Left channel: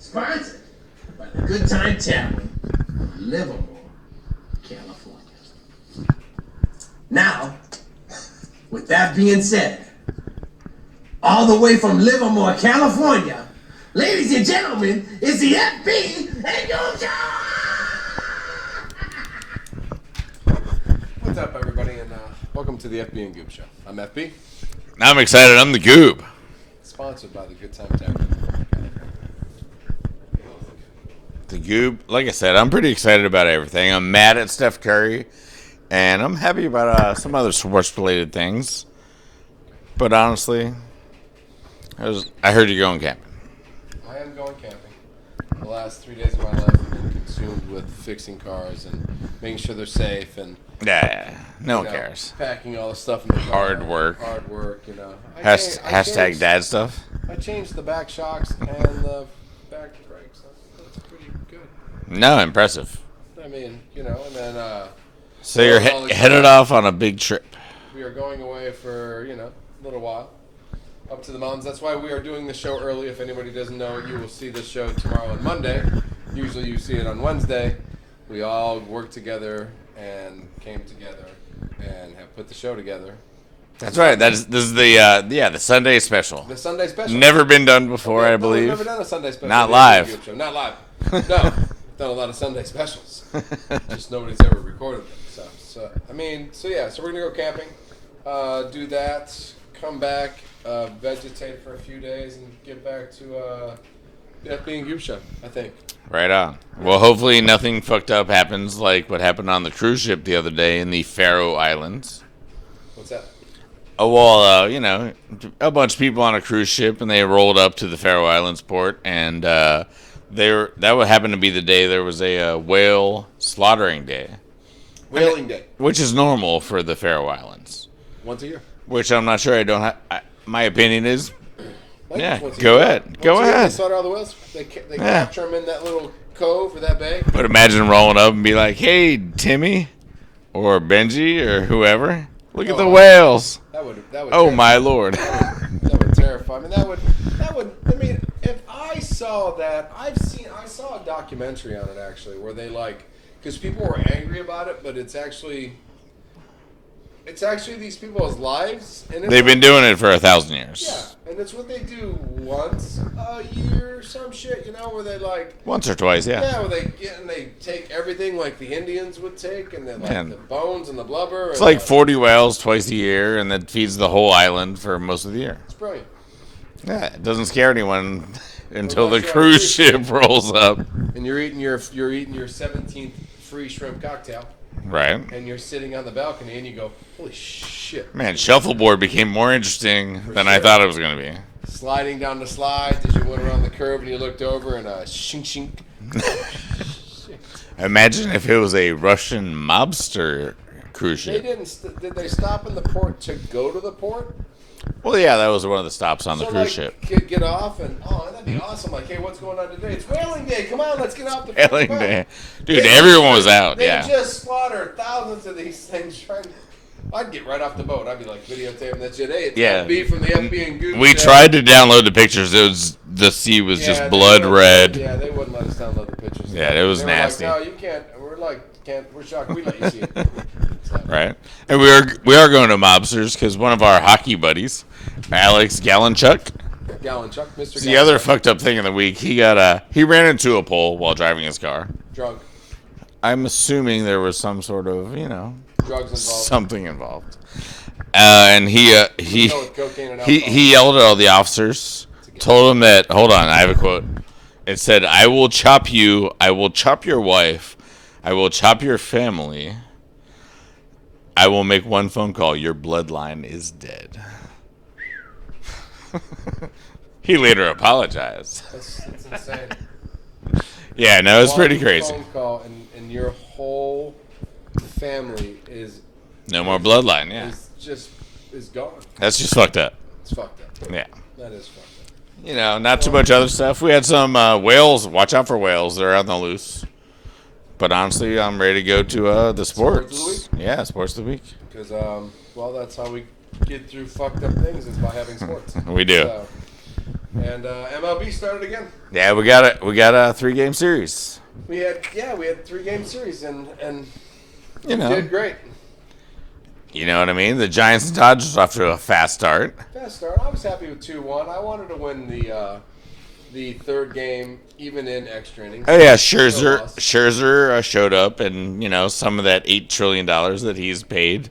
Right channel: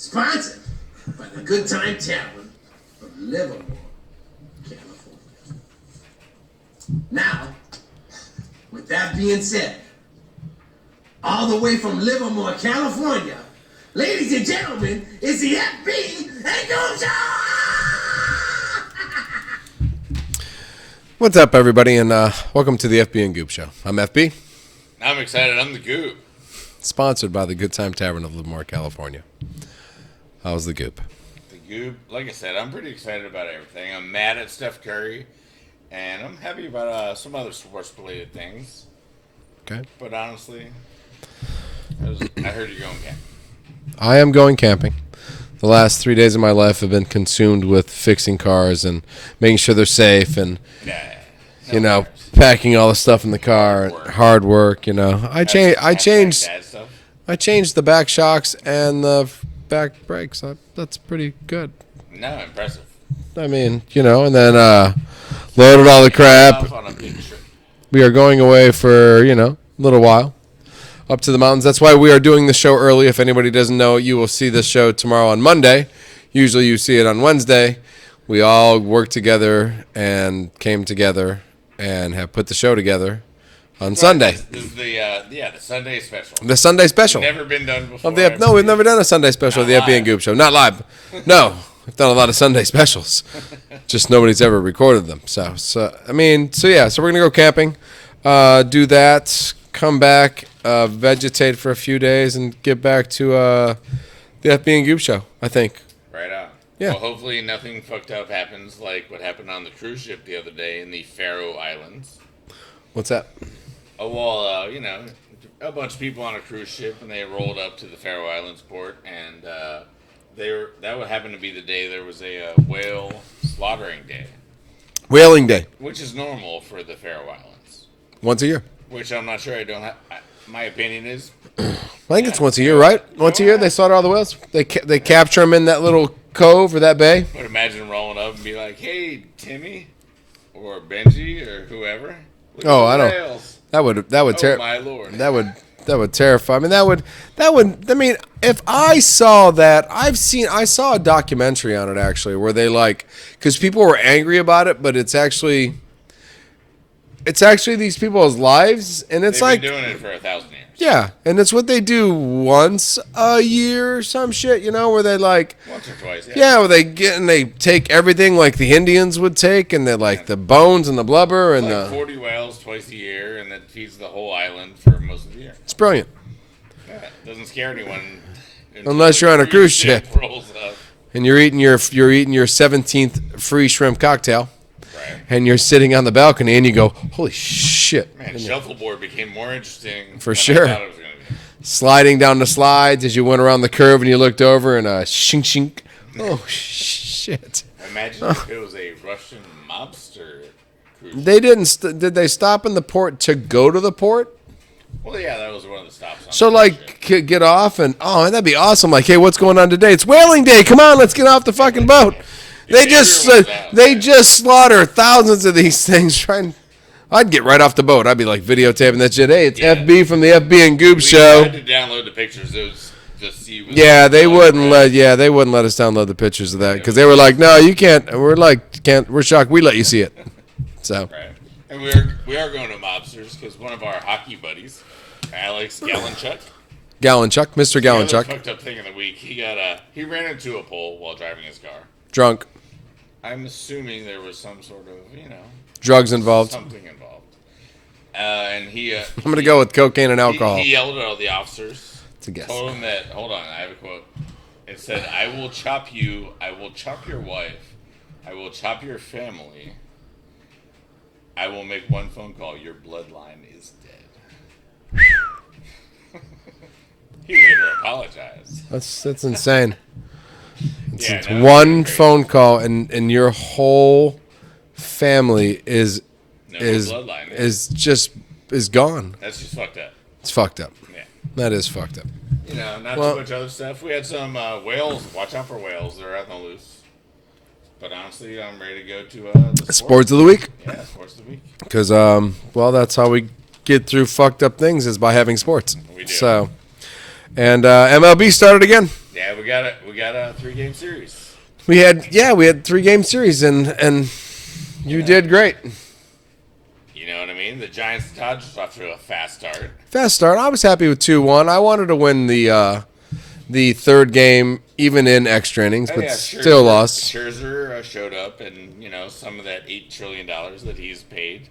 Sponsored by the Good Time Tavern of Livermore, California. Now, with that being said, all the way from Livermore, California, ladies and gentlemen, it's the FB and GOOB Show! What's up, everybody, and welcome to the FB and GOOB Show. I'm FB. I'm excited. I'm the GOOB. Sponsored by the Good Time Tavern of Livermore, California. How's the GOOB? The GOOB, like I said, I'm pretty excited about everything. I'm mad at Steph Curry, and I'm happy about some other sports-related things. Okay. But honestly, I heard you're going camping. I am going camping. The last 3 days of my life have been consumed with fixing cars and making sure they're safe and No one cares. packing all the stuff in the car. Hard work. I changed dad stuff. I changed the back shocks and the back brakes. That's pretty good. No, impressive. I mean, and then So loaded all the headed crap. off on a big trip. We are going away for, a little while up to the mountains. That's why we are doing the show early. If anybody doesn't know, you will see the show tomorrow on Monday. Usually you see it on Wednesday. We all worked together and came together and have put the show together on Sunday. This is the Sunday special. The Sunday special. Never been done before. No, we've never done a Sunday special of the FB and GOOB Show. Not live. No. We've done a lot of Sunday specials. Just nobody's ever recorded them. So we're going to go camping, do that, come back, vegetate for a few days, and get back to the FB and GOOB Show, I think. Right on. Yeah. Well, hopefully nothing fucked up happens like what happened on the cruise ship the other day in the Faroe Islands. What's that? Oh, well, a bunch of people on a cruise ship, and they rolled up to the Faroe Islands port, and that would happen to be the day there was a whale slaughtering day. Whaling Day. Which is normal for the Faroe Islands. Once a year. Which I'm not sure I don't have. My opinion is... I think it's once a year, right? Once a year, they slaughter all the whales. They capture them in that little cove or that bay. But imagine rolling up and be like, "Hey, Timmy, or Benji, or whoever, look at the whales." That would. Oh my lord! That would terrify. I mean, if I saw that, I saw a documentary on it actually, where they because people were angry about it, but it's actually these people's lives, and they've been doing it for 1,000 years. Yeah, and it's what they do once a year or some shit, where they once or twice, yeah. Yeah, where they get and they take everything like the Indians would take, and they the bones and the blubber. It's and 40 whales twice a year, and that feeds the whole island for most of the year. It's brilliant. Yeah, it doesn't scare anyone unless you're on a cruise ship rolls up and you're eating your 17th free shrimp cocktail. Right. And you're sitting on the balcony and you go, holy shit. Man, shuffleboard became more interesting than sure. I thought it was going to be. Sliding down the slides as you went around the curve and you looked over and shink shink. Oh, shit. Imagine if it was a Russian mobster cruise ship. They didn't. Did they stop in the port to go to the port? Well, yeah, that was one of the stops on the cruise ship. So, get off and, that'd be awesome. Hey, what's going on today? It's Whaling Day. Come on, let's get off the fucking boat. Dude, everyone's out. They just slaughter thousands of these things. I'd get right off the boat. I'd be videotaping that shit. Hey, it's FB from the FB and GOOB Show. We tried to download the pictures. The sea was blood red. They wouldn't let us download the pictures of that because they were nasty. No, you can't. We're shocked. We let you see it. So right, and we are going to mobsters because one of our hockey buddies, Alex Gallenchuk, Mr. Gallenchuk. The other fucked up thing of the week. He ran into a pole while driving his car. Drunk. I'm assuming there was some sort of, drugs involved. Something involved. And I'm going to go with cocaine and alcohol. He yelled at all the officers, told them that, hold on, I have a quote. It said, "I will chop you, I will chop your wife, I will chop your family. I will make one phone call. Your bloodline is dead." He later apologized. That's insane. Yeah, no, it's pretty crazy. One phone call and your whole family is more bloodline. Yeah. Is gone. That's just fucked up. It's fucked up. Yeah, that is fucked up. Not too much other stuff. We had some whales. Watch out for whales. They're out on the loose. But honestly, I'm ready to go to the sports of the week. Yeah, sports of the week. Because that's how we get through fucked up things is by having sports. We do. So, And MLB started again. Yeah, we got it. We got a 3-game series. We had 3-game series, and you did great. You know what I mean? The Giants and Dodgers off to a fast start. Fast start. I was happy with 2-1. I wanted to win the third game, even in extra innings. Oh yeah, still lost. Scherzer showed up, and some of that $8 trillion that he's paid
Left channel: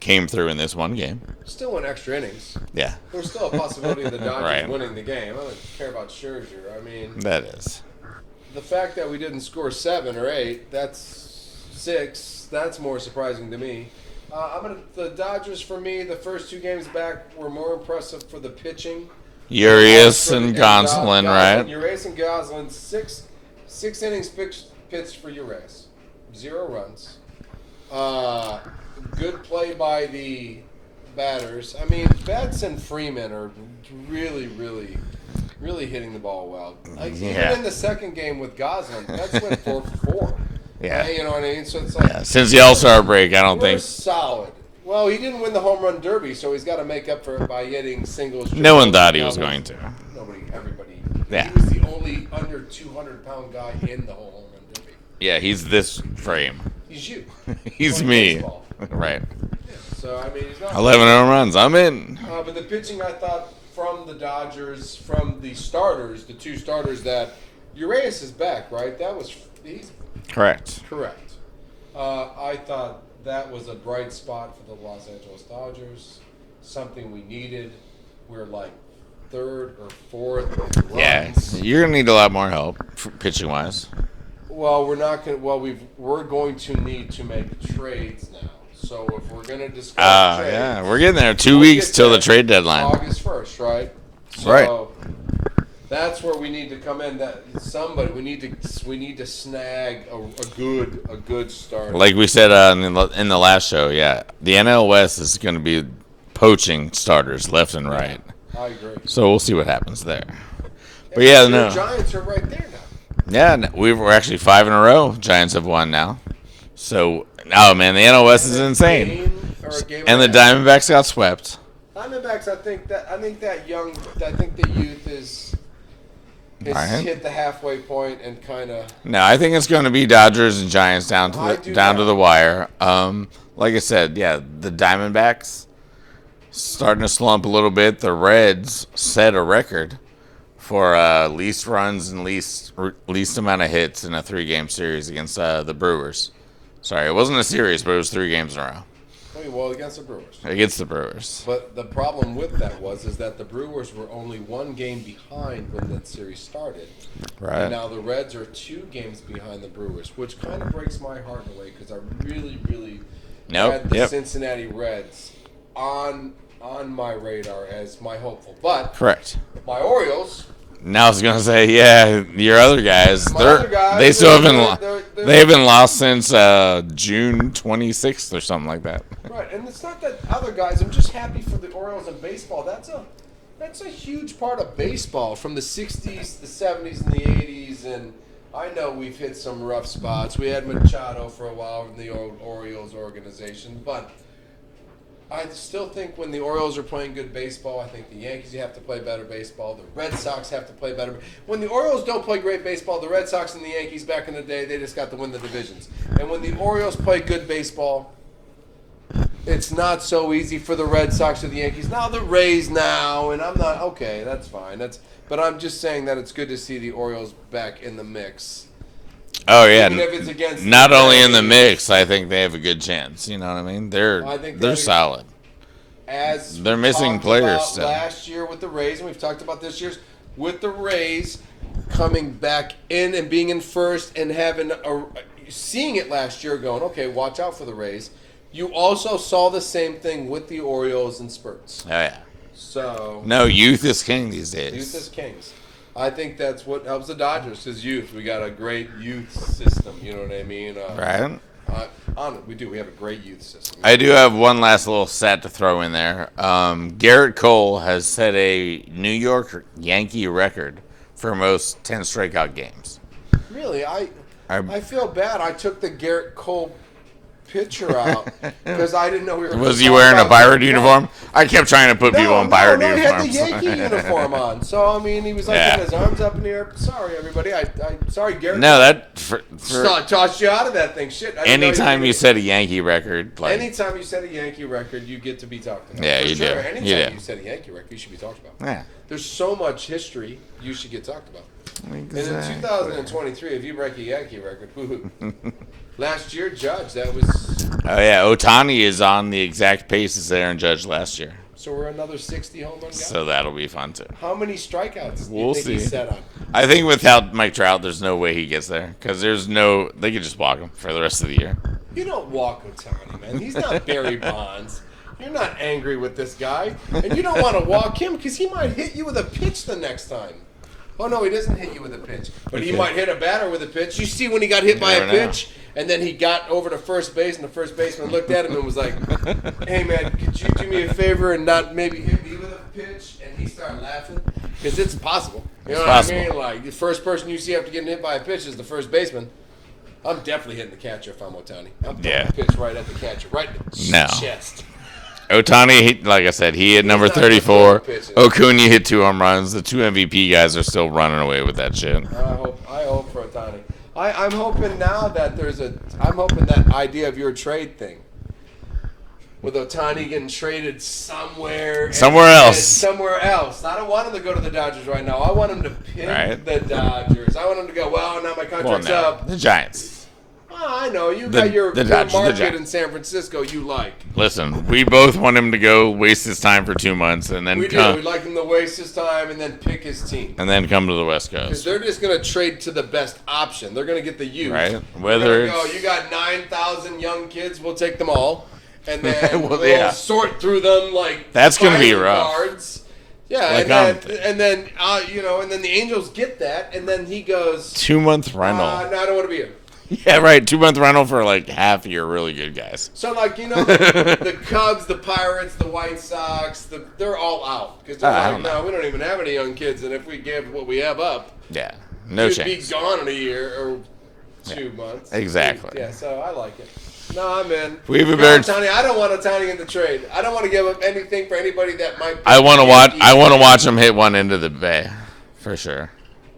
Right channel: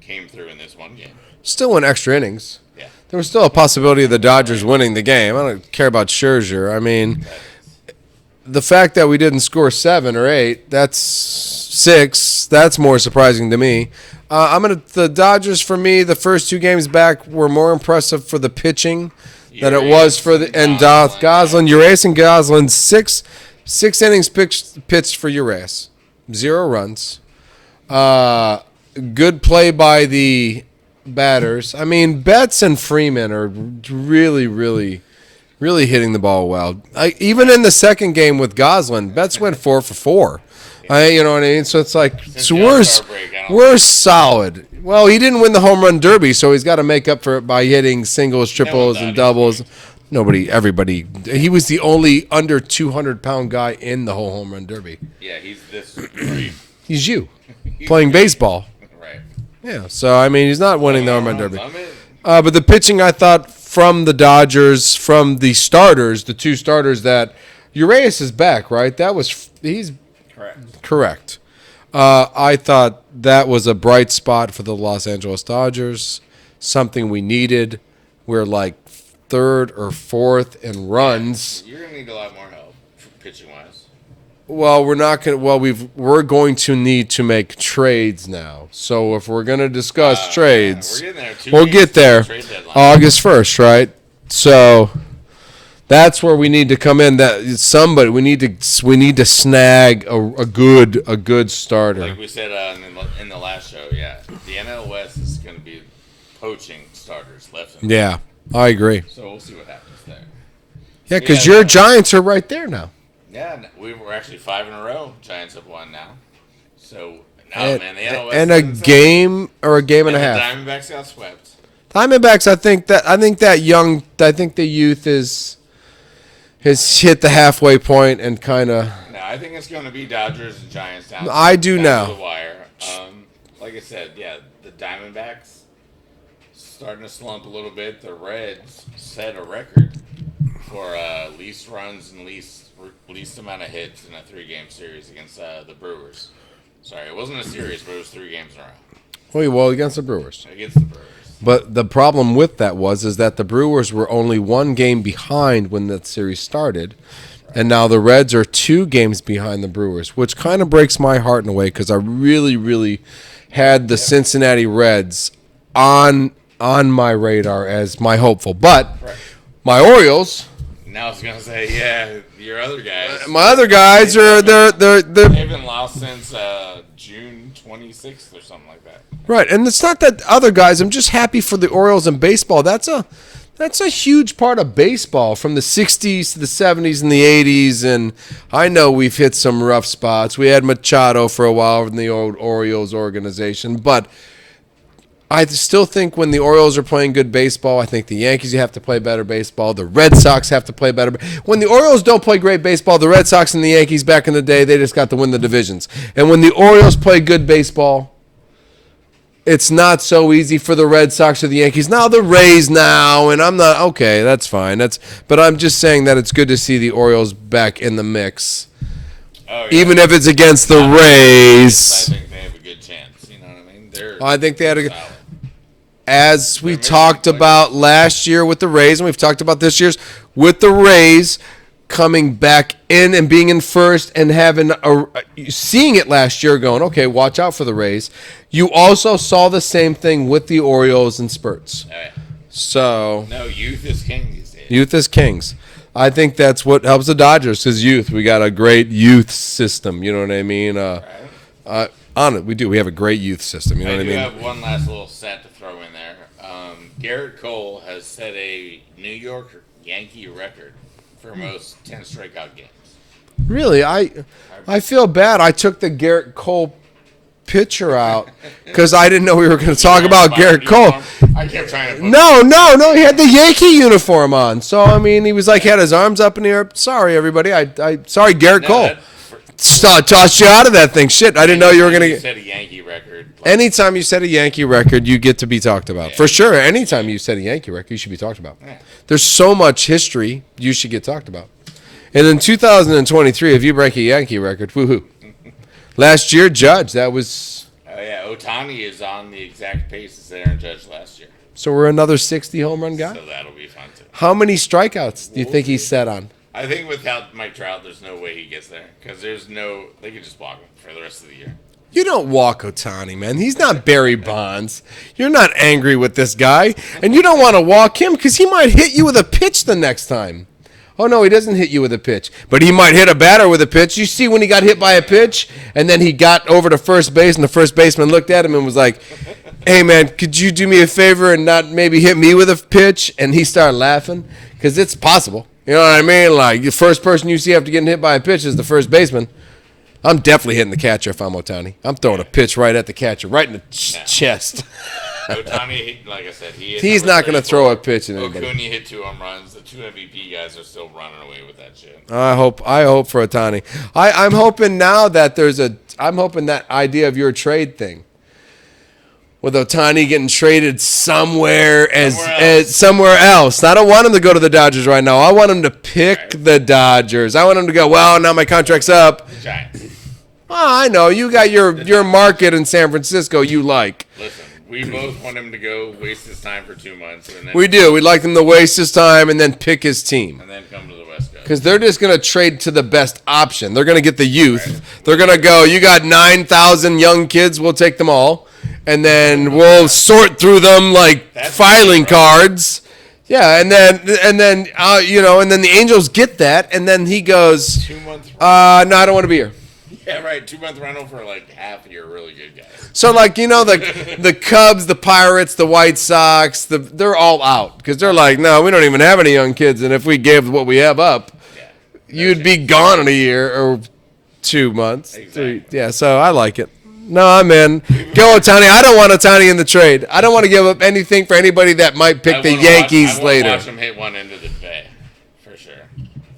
came through in this one game. Still in extra innings. Yeah, there was still a possibility of the Dodgers Right. winning the game. I don't care about Scherzer. I mean, that is. The fact that we didn't score 7 or 8, that's 6. That's more surprising to me. The Dodgers, for me, the first 2 games back were more impressive for the pitching than it was for the Gosselin, Gosselin. right? Urias and Gosselin, 6 innings pitched for Urias, 0 runs. Good play by the batters. I mean, Betts and Freeman are really, really, really hitting the ball well. Even in the second game with Gosselin, Betts went 4 for 4. Yeah. You know what I mean? So it's like since the All-Star break, we're solid. Well, he didn't win the home run derby, so he's got to make up for it by hitting singles, triples, and doubles. Everybody. Yeah. He was the only under 200-pound guy in the whole home run derby. Yeah, he's this frame. He's you he's playing me. Baseball. Right. Yeah. So I mean, he's not 11 home runs. I'm in. But the pitching, I thought, from the Dodgers, from the starters, the 2 starters, that Urias is back, right? He's correct. I thought that was a bright spot for the Los Angeles Dodgers, something we needed. We're like 3rd or 4th in runs. Yeah, you're gonna need a lot more help pitching wise. Well, we're not going. Well, we're going to need to make trades now. So if we're going to discuss trades, we're getting there. 2 weeks till the trade deadline, August 1st, right? So that's where we need to come in. We need to snag a good starter. Like we said in the last show. Yeah, the NL West is going to be poaching starters left and right. Yeah, I agree. So we'll see what happens there. Yeah, because your Giants are right there now. Yeah, we're actually 5 in a row. Giants have won now. So, man, the NL West is insane. Game or a game and a half. And the Diamondbacks got swept. Diamondbacks, I think the youth has hit the halfway point and kind of. No, I think it's going to be Dodgers and Giants down to the wire. Like I said, yeah, the Diamondbacks starting to slump a little bit. The Reds set a record for least runs and least amount of hits in a 3-game series against the Brewers. Sorry, it wasn't a series, but it was 3 games in a row. Well, against the Brewers. Against the Brewers. But the problem with that is that the Brewers were only 1 game behind when that series started. Right. And now the Reds are 2 games behind the Brewers, which kind of breaks my heart in a way because I really, really had the Cincinnati Reds on my radar as my hopeful. But my Orioles. Now I was gonna say, your other guys. My other guys they've been lost since June 26th or something like that. Right, and it's not that other guys. I'm just happy for the Orioles in baseball. That's a huge part of baseball from the 60s to the 70s and the 80s. And I know we've hit some rough spots. We had Machado for a while in the old Orioles organization, but I still think when the Orioles are playing good baseball, I think the Yankees have to play better baseball. The Red Sox have to play better. When the Orioles don't play great baseball, the Red Sox and the Yankees back in the day, they just got to win the divisions. And when the Orioles play good baseball, it's not so easy for the Red Sox or the Yankees. Now the Rays now, and I'm not okay. That's fine. But I'm just saying that it's good to see the Orioles back in the mix. Oh yeah, even if it's against the Rays. The mix, I think they have a good chance. You know what I mean? They're solid. As we talked about last year with the Rays, and we've talked about this year's with the Rays coming back in and being in first and seeing it last year, going, okay, watch out for the Rays. You also saw the same thing with the Orioles in spurts. Oh yeah. So no, youth is king these days. Youth is kings. I think that's what helps the Dodgers is youth. We got a great youth system. You know what I mean? Right. On it, we do. We have a great youth system. You know I do have one last little stat to throw in there. Garrett Cole has set a New York Yankee record for most 10 strikeout games. Really? I feel bad. I took the Garrett Cole picture out because I didn't know we were going to Was he talk wearing about a Pirate Garrett Cole. uniform? I kept trying to put No, people in Pirate he had the uniform. Yankee uniform on. So I mean, he was like, he had his arms up in the air. Sorry, everybody. Sorry, Garrett Cole. Tossed you out of that thing. Shit, I didn't know you were going to. You said a Yankee record. Like, anytime you said a Yankee record, you get to be talked about. Yeah, For sure. do. Anytime Yeah. you said a Yankee record, you should be talked about. Yeah. There's so much history, you should get talked about. And in 2023, if you break a Yankee record, woohoo. Last year, Judge, that was... Oh, yeah. Otani is on the exact pace as Aaron Judge last year. So we're another 60 home run guy? So that'll be fun, too. How many strikeouts do you think he's see. set on? I think without Mike Trout, there's no way he gets there. Because there's no... They could just walk him for the rest of the year. You don't walk Otani, man. He's not Barry Bonds. You're not angry with this guy. And you don't want to walk him because he might hit you with a pitch the next time. Oh, no, he doesn't hit you with a pitch. But he might hit a batter with a pitch. You see when he got hit by a pitch, and then he got over to first base, and the first baseman looked at him and was like, hey, man, could you do me a favor and not maybe hit me with a pitch? And he started laughing because it's possible. You know what I mean? Like, the first person you see after getting hit by a pitch is the first baseman. I'm definitely hitting the catcher if I'm Otani. I'm throwing a pitch right at the catcher, right in the chest. Otani, like I said, he hit He's number not gonna 34. throw a pitch in it. Acuna hit 2 home runs. The 2 MVP guys are still running away with that shit. I hope for Otani. I'm hoping now that I'm hoping that idea of your trade thing. With Otani getting traded somewhere else. I don't want him to go to the Dodgers right now. I want him to pick the Dodgers. I want him to go, well, now my contract's up. The Giants. Well, I know. You got your Dodgers, market in San Francisco you like. Listen, we both want him to go waste his time for 2 months. And then We do. We'd like him to waste his time and then pick his team. And then come to the West Coast. Because they're just going to trade to the best option. They're going to get the youth. Right. They're going to go, you got 9,000 young kids, we'll take them all. And then we'll sort through them like filing cards. Yeah, and then the Angels get that, and then he goes 2 month rental. No, I don't want to be here. Yeah, right. 2 month rental for like half of your really good guys. So the Cubs, the Pirates, the White Sox, they're all out because they're like, no, we don't even have any young kids, and if we gave what we have up, you'd be gone in a year or 2 months. Exactly. Yeah, so I like it. No, man. Go Otani. I don't want Otani in the trade. I don't want to give up anything for anybody that might pick the Yankees. I want to watch him hit one into the bay, for sure.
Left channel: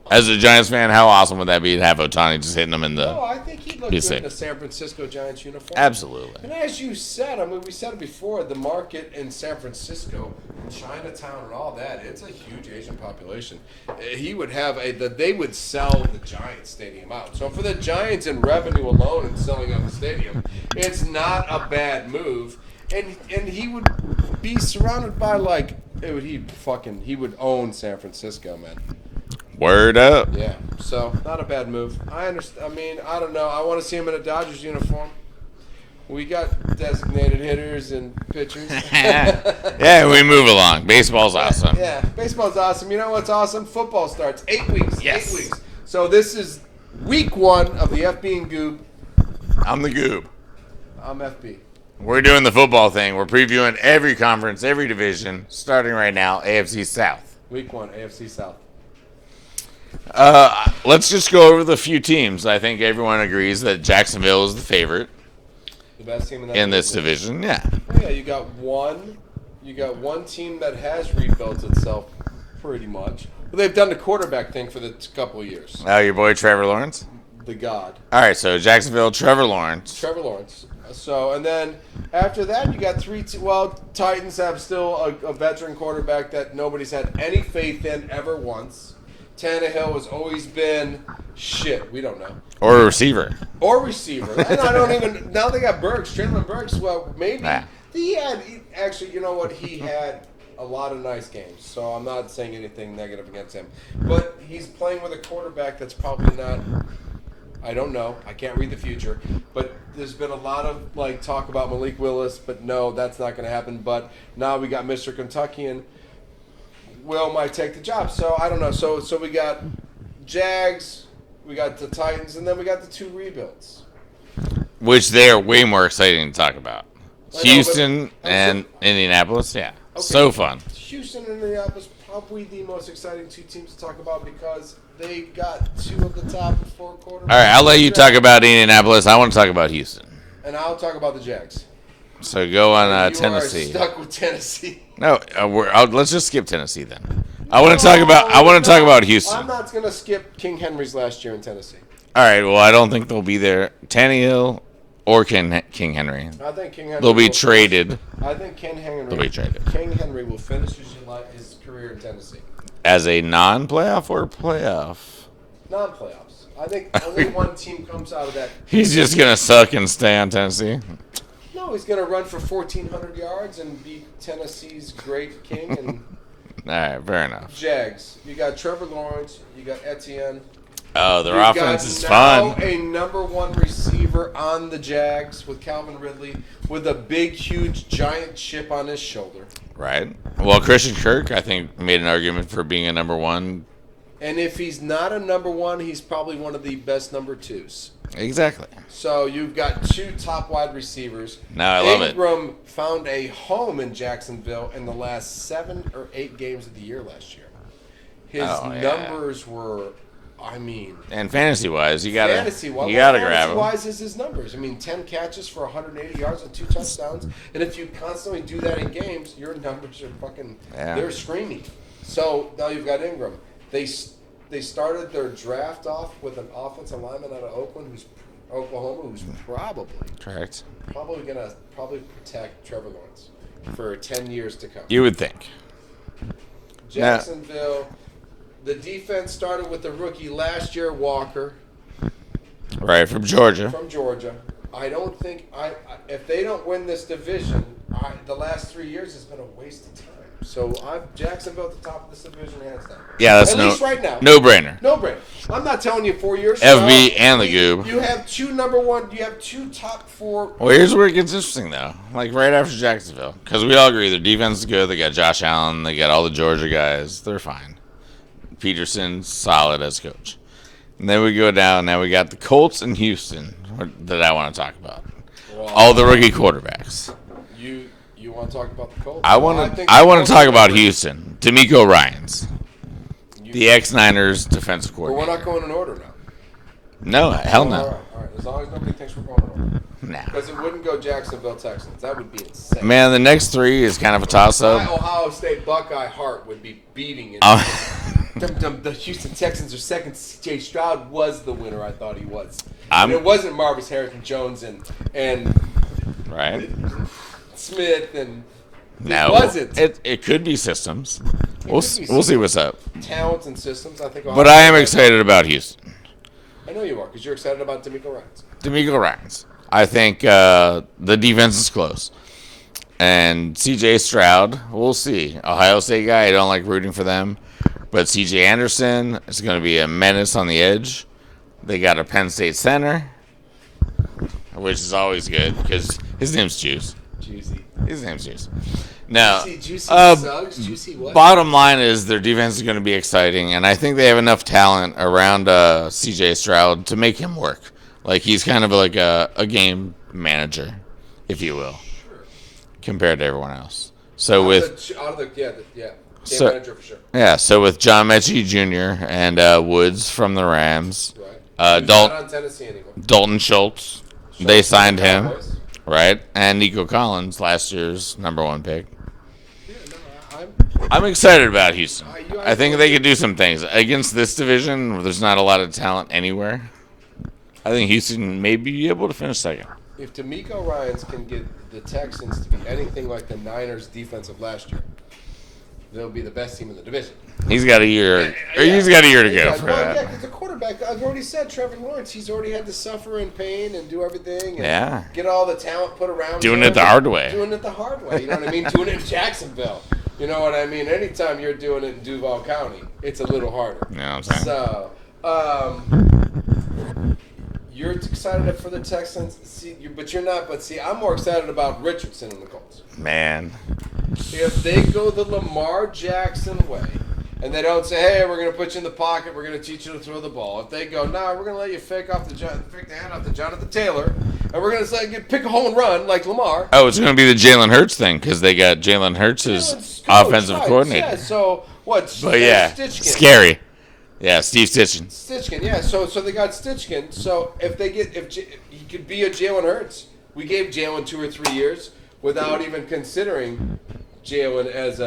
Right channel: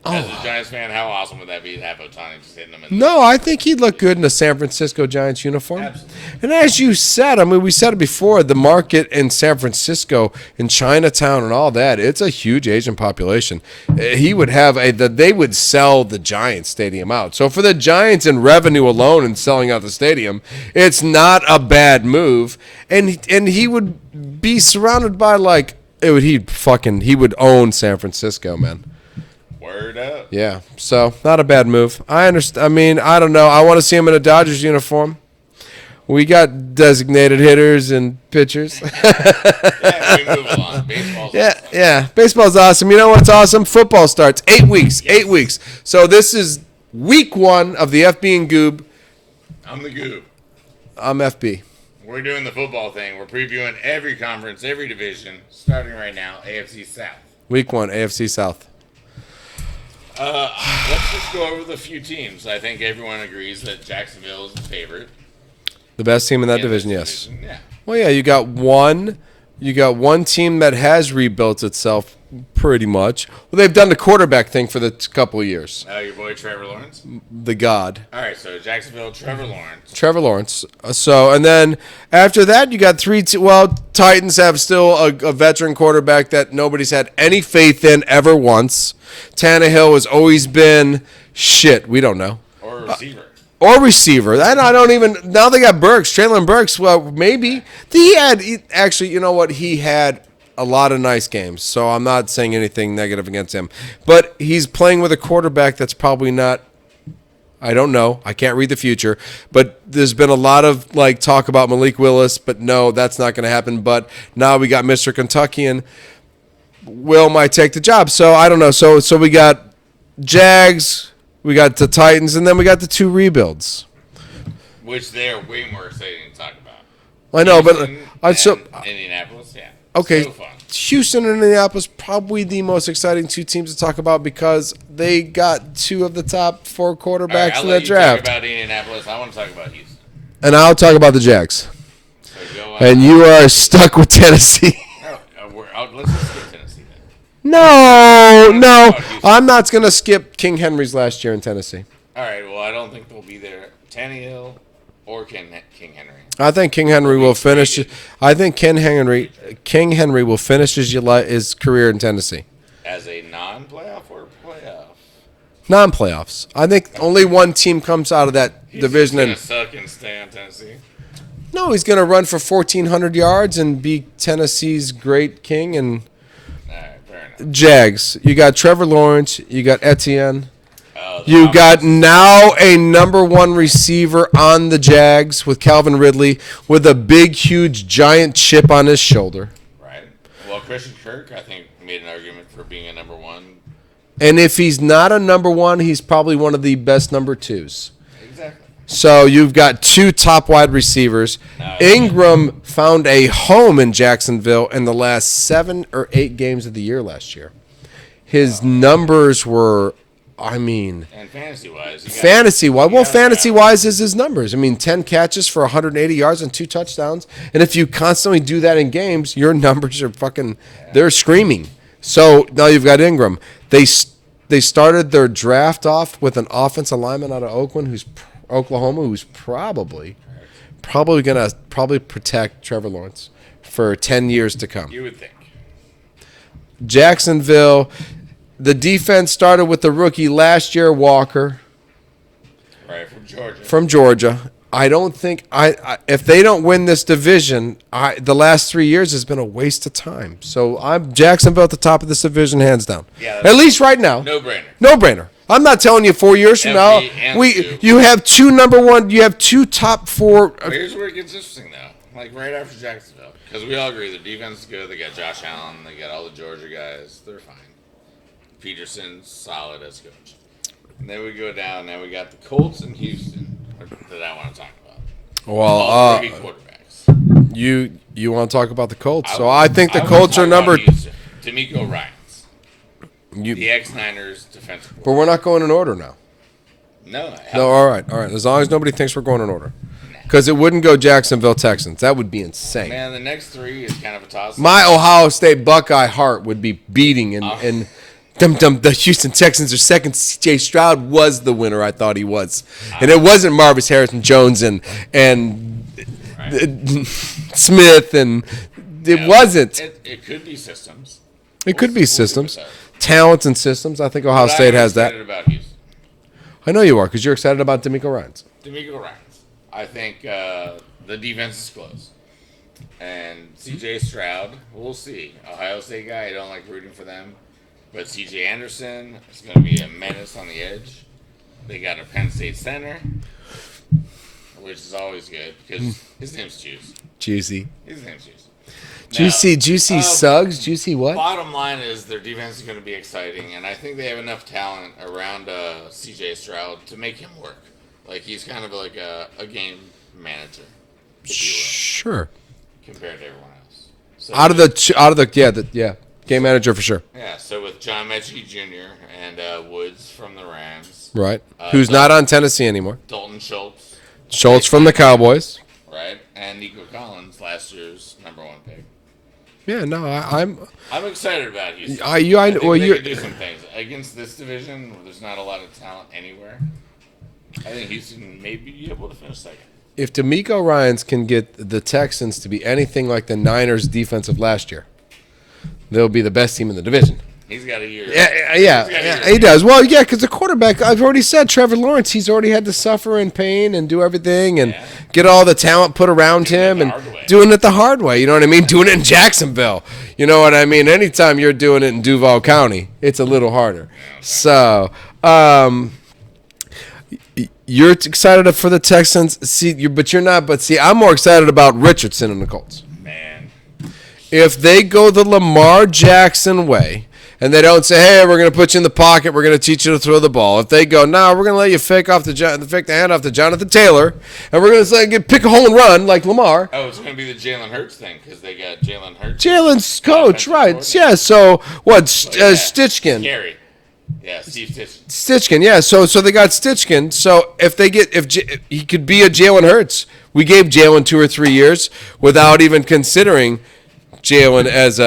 As a Giants fan, how awesome would that be to have Otani just hitting them in the... No, I think he'd look good in a San Francisco Giants uniform. Absolutely. And as you said, I mean, we said it before, the market in San Francisco, in Chinatown and all that, it's a huge Asian population. He would have they would sell the Giants stadium out. So for the Giants in revenue alone and selling out the stadium, it's not a bad move. And he would be surrounded by he would own San Francisco, man. Word up. Yeah, so not a bad move. I understand. I mean, I don't know. I want to see him in a Dodgers uniform. We got designated hitters and pitchers. Yeah, we move along. Baseball's awesome. Yeah, baseball's awesome. You know what's awesome? Football starts 8 weeks. Yes. 8 weeks. So this is week 1 of the FB and Goob. I'm the Goob. I'm FB. We're doing the football thing. We're previewing every conference, every division, starting right now, AFC South. Week 1, AFC South. Let's just go over the few teams. I think everyone agrees that Jacksonville is the favorite The best team in that in division. this Yes. division. Yeah. Well, yeah, you got one team that has rebuilt itself pretty much. Well, they've done the quarterback thing for the couple of years. Oh, your boy Trevor Lawrence? The God. All right, so Jacksonville, Trevor Lawrence. Trevor Lawrence. So, and then after that, you got Titans have still a veteran quarterback that nobody's had any faith in ever once. Tannehill has always been shit. We don't know. Or a receiver. Or receiver. And I don't even. Now they got Burks, Traylon Burks. Well, maybe he actually. You know what? He had a lot of nice games. So I'm not saying anything negative against him. But he's playing with a quarterback that's probably not. I don't know. I can't read the future. But there's been a lot of talk about Malik Willis. But no, that's not going to happen. But now we got Mr. Kentuckian. Will might take the job. So I don't know. So we got Jags, we got the Titans, and then we got the 2 rebuilds. Which they're way more exciting to talk about. I know, Houston but and Indianapolis, yeah. Okay. So fun. Houston and Indianapolis probably the most exciting 2 teams to talk about because they got 2 of the top 4 quarterbacks. All right, I'll let you draft. talk about Indianapolis. I want to talk about Houston. And I'll talk about the Jags. So go on. And you are stuck with Tennessee. No, let's just skip Tennessee then. No, I want to talk about Houston. I'm not going to skip King Henry's last year in Tennessee. All right, well, I don't think they'll be there. Tannehill or King Henry. I think King Henry will finish. I think King Henry will finish his career in Tennessee. As a non-playoff or playoff? Non-playoffs. I think only one team comes out of that He's division. just going to suck and stay on Tennessee? No, he's going to run for 1,400 yards and be Tennessee's great king. And all right, fair enough. Jags. You got Trevor Lawrence. You got Etienne. You got now a number one receiver on the Jags with Calvin Ridley with a big, huge, giant chip on his shoulder. Right. Well, Christian Kirk, I think, made an argument for being a number one. And if he's not a number one, he's probably one of the best number twos. Exactly. So you've got two top wide receivers. Ingram found a home in Jacksonville in the last 7 or 8 games of the year last year. His numbers were... and fantasy-wise, fantasy-wise is his numbers. 10 catches for 180 yards and 2 touchdowns. And if you constantly do that in games, your numbers are they're screaming. So now you've got Ingram. They started their draft off with an offensive lineman out of Oklahoma, who's probably going to protect Trevor Lawrence for 10 years to come. You would think. Jacksonville... The defense started with the rookie last year, Walker. Right, from Georgia. I don't think if they don't win this division, the last 3 years has been a waste of time. So I'm Jacksonville at the top of this division, hands down. Yeah, at least right now. No brainer. No brainer. I'm not telling you 4 years from now. And GOOB. You have two number one. You have 2 top 4. Well, here's where it gets interesting though. Like right after Jacksonville, because we all agree their defense is good. They got Josh Allen. They got all the Georgia guys. They're fine. Peterson's solid as coach. And then we go down. Now we got the Colts and Houston that I want to talk about. Well, all the rookie quarterbacks. You want to talk about the Colts? I want to talk about Houston. D'Amico Ryans. The ex-Niners defensive But coordinator. we're not going in order now. No, hell no. All right. As long as nobody thinks we're going in order. Because it wouldn't go Jacksonville Texans. That would be insane. Man, the next 3 is kind of a toss-up. My Ohio State Buckeye heart would be beating. And the Houston Texans are second. C.J. Stroud was the winner. I thought he was. And it wasn't Marvis Harrison Jones and Smith. And it wasn't. It could be systems. It could be systems. We'll see what's up. Talents and systems. I think Ohio State has. But I am excited about Houston. I know you are because you're excited about D'Amico Ryans. D'Amico Ryans. I think the defense is close. And C.J. Stroud, we'll see. Ohio State guy, I don't like rooting for them. But C.J. Anderson is going to be a menace on the edge. They got a Penn State center, which is always good because his name's Juice. Juicy. His name's Juice. Now, Juicy Suggs? Juicy what? Bottom line is their defense is going to be exciting, and I think they have enough talent around C.J. Stroud to make him work. Like, he's kind of like a game manager, if you will. Sure. Compared to everyone else. So game manager for sure. Yeah, so with John Mechie Jr. and Woods from the Rams. Right. Who's not on Tennessee anymore. Dalton Schultz. Schultz from the Cowboys. Right. And Nico Collins, last year's number 1 pick. Yeah, no, I'm excited about Houston. I think they could do some things. Against this division, where there's not a lot of talent anywhere, I think Houston may be able to finish second. If D'Amico Ryans can get the Texans to be anything like the Niners' defense of last year, they'll be the best team in the division. He's got a year. Yeah, he's got a year. He does. Well, yeah, because the quarterback, I've already said, Trevor Lawrence, he's already had to suffer in pain and do everything and get all the talent put around him. Doing it the hard way. Doing it the hard way. You know what I mean? Doing it in Jacksonville. You know what I mean? Anytime you're doing it in Duval County, it's a little harder. Yeah, okay. So, you're excited for the Texans, but you're not. But see, I'm more excited about Richardson and the Colts. Man. If they go the Lamar Jackson way, and they don't say, "Hey, we're going to put you in the pocket. We're going to teach you to throw the ball." If they go, "No, we're going to let you fake the hand off to Jonathan Taylor, and we're going to say pick a hole and run like Lamar." Oh, it's going to be the Jalen Hurts thing because they got Jalen Hurts. Jalen's coach, right? Yeah. So what? Stitchkin. Scary. Yeah, Steve Stitchkin. Stitchkin. Yeah. So they got Stitchkin. So if he could be a Jalen Hurts We gave Jalen 2 or 3 years without even considering Jalen as